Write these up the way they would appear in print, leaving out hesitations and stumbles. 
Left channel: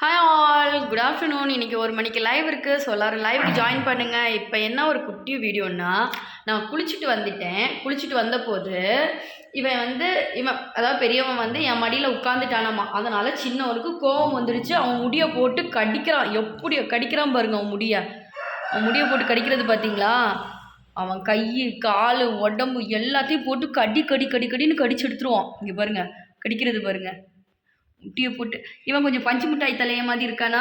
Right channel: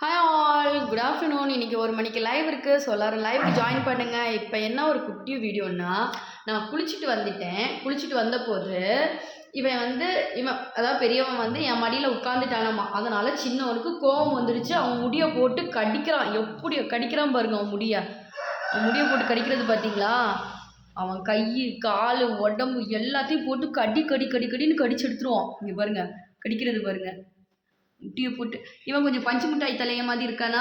Hi all, good afternoon. இன்றைக்கி 1 மணிக்கு live இருக்குது. ஸோ எல்லோரும் லைவுக்கு ஜாயின் பண்ணுங்கள். இப்போ என்ன ஒரு குட்டி வீடியோன்னா, நான் குளிச்சுட்டு வந்துட்டேன். குளிச்சுட்டு வந்தபோது இவன் அதாவது பெரியவன் என் மடியில் உட்காந்துட்டானாமா. அதனால் சின்னவனுக்கு கோவம் வந்துடுச்சு. அவன் முடியை போட்டு கடிக்கிறான். எப்படி கடிக்கிறான் பாருங்க. அவன் முடியை போட்டு கடிக்கிறது பார்த்தீங்களா? அவன் கை, கால், உடம்பு எல்லாத்தையும் போட்டு கடின்னு கடிச்சு எடுத்துருவான். இங்கே பாருங்கள், கடிக்கிறது பாருங்கள். முட்டியை போட்டு இவன் கொஞ்சம் பஞ்சு மிட்டாய் தலைய மாதிரி இருக்கானா,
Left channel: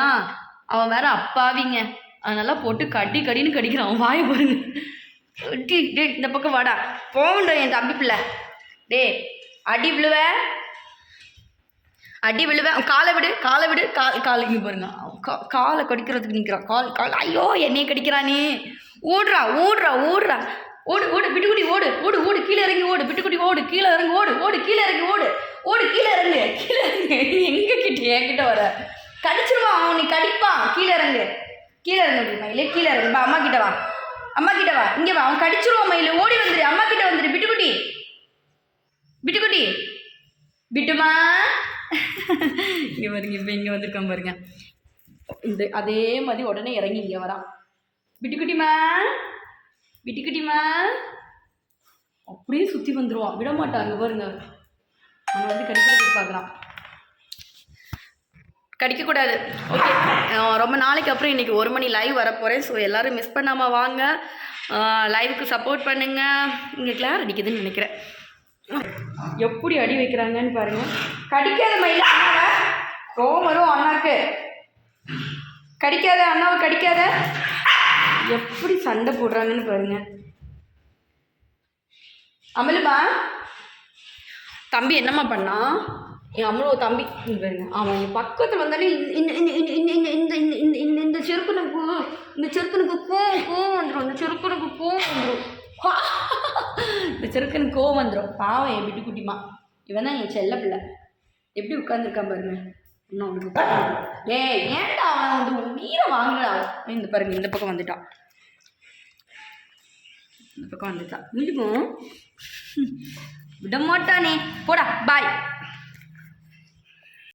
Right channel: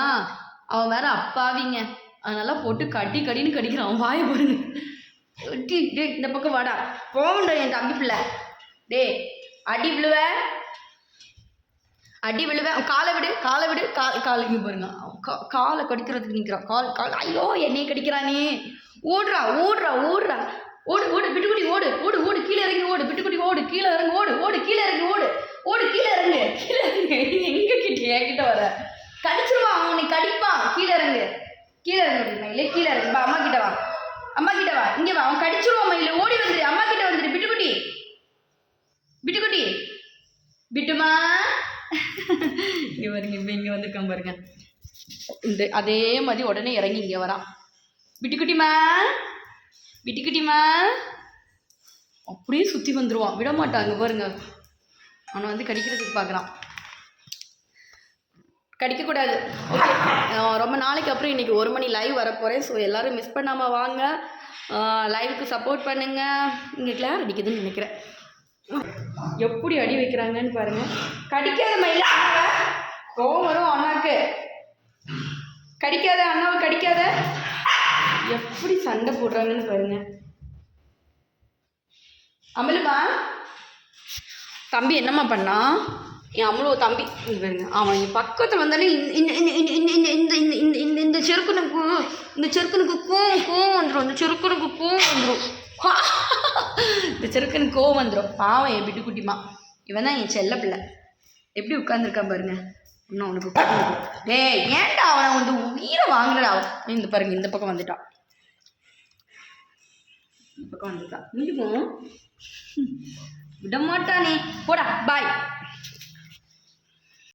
அவன் வேற அப்பாவிங்க. அதனால் போட்டு கடின்னு கடிக்கிறான். அவன் வாயை பாருங்க. டே இந்த பக்கம் வாடா, போகண்டா என் தம்பி பிள்ளை. டே அடி விழுவேன். காலை விடு காலை இங்கே பாருங்க. காலை கடிக்கிறதுக்கு நிற்கிறான். கால் ஐயோ என்னையை கடிக்கிறானே. ஓடுறா பிட்டுக்குட்டி ஓடு கீழே இறங்கி ஓடு. பிட்டுக்குட்டி ஓடு, கீழே இறங்கி ஓடு கீழே இறங்கி ஓடு கீழே இறங்கு. எங்க கிட்ட என்கிட்ட வர கடிச்சிருவான் அவன். நீ கடிப்பான். கீழே இறங்கு மயிலே, கீழே இறங்கு. அம்மா கிட்ட வா இங்கே வா. அவன் கடிச்சிருவான் மயிலே. ஓடி வந்துடு, அம்மா கிட்ட வந்துடு. பிட்டுக்குட்டி பிட்டுமா இங்கே பாருங்க. இப்போ இங்கே வந்துருக்கான் பாருங்க. இந்த அதே மாதிரி உடனே இறங்கி இங்கே வரான். பிட்டுக்குட்டிமா அப்படியே சுற்றி வந்துடுவான். விட மாட்டாங்க பாருங்க. அவன் கடிக்கிறதுக்கு பார்க்குறான். கடிக்கக்கூடாது. ஓகே, ரொம்ப நாளைக்கு அப்புறம் இன்றைக்கி 1 மணி லைவ் வரப்போகிறேன். ஸோ எல்லோரும் மிஸ் பண்ணாமல் வாங்க, லைவுக்கு சப்போர்ட் பண்ணுங்கள். இங்கே கிளார் அடிக்குதுன்னு நினைக்கிறேன். எப்படி அடி வைக்கிறாங்கன்னு பாருங்கள். கடிக்காத மயில, கோவம் வரும் அண்ணாவுக்கு. கடிக்காத அண்ணாவை கடிக்காத. எப்படி சண்டை போடுறாங்கன்னு பாருங்கள். அமலுமா தம்பி என்னம்மா பண்ணான்? என் அம்மளோ தம்பி பாருங்க. அவன் பக்கத்தில் வந்தாலே இந்த செருக்கனுக்கு கோவம் வந்துடும். இந்த செருக்கனுக்கு கோவம் வந்துடும். பாவம் என் பிட்டுக்குட்டிமா. இவன் தான் என் செல்ல பிள்ளை. எப்படி உட்காந்துருக்கான் பாருங்க. இன்னும் அவனுக்கு ஏன்டா அவன் உயிரை வாங்குறா. இந்த பாருங்க, இந்த பக்கம் வந்துட்டான். முடியும் விட மாட்டானே. போடா, பாய்.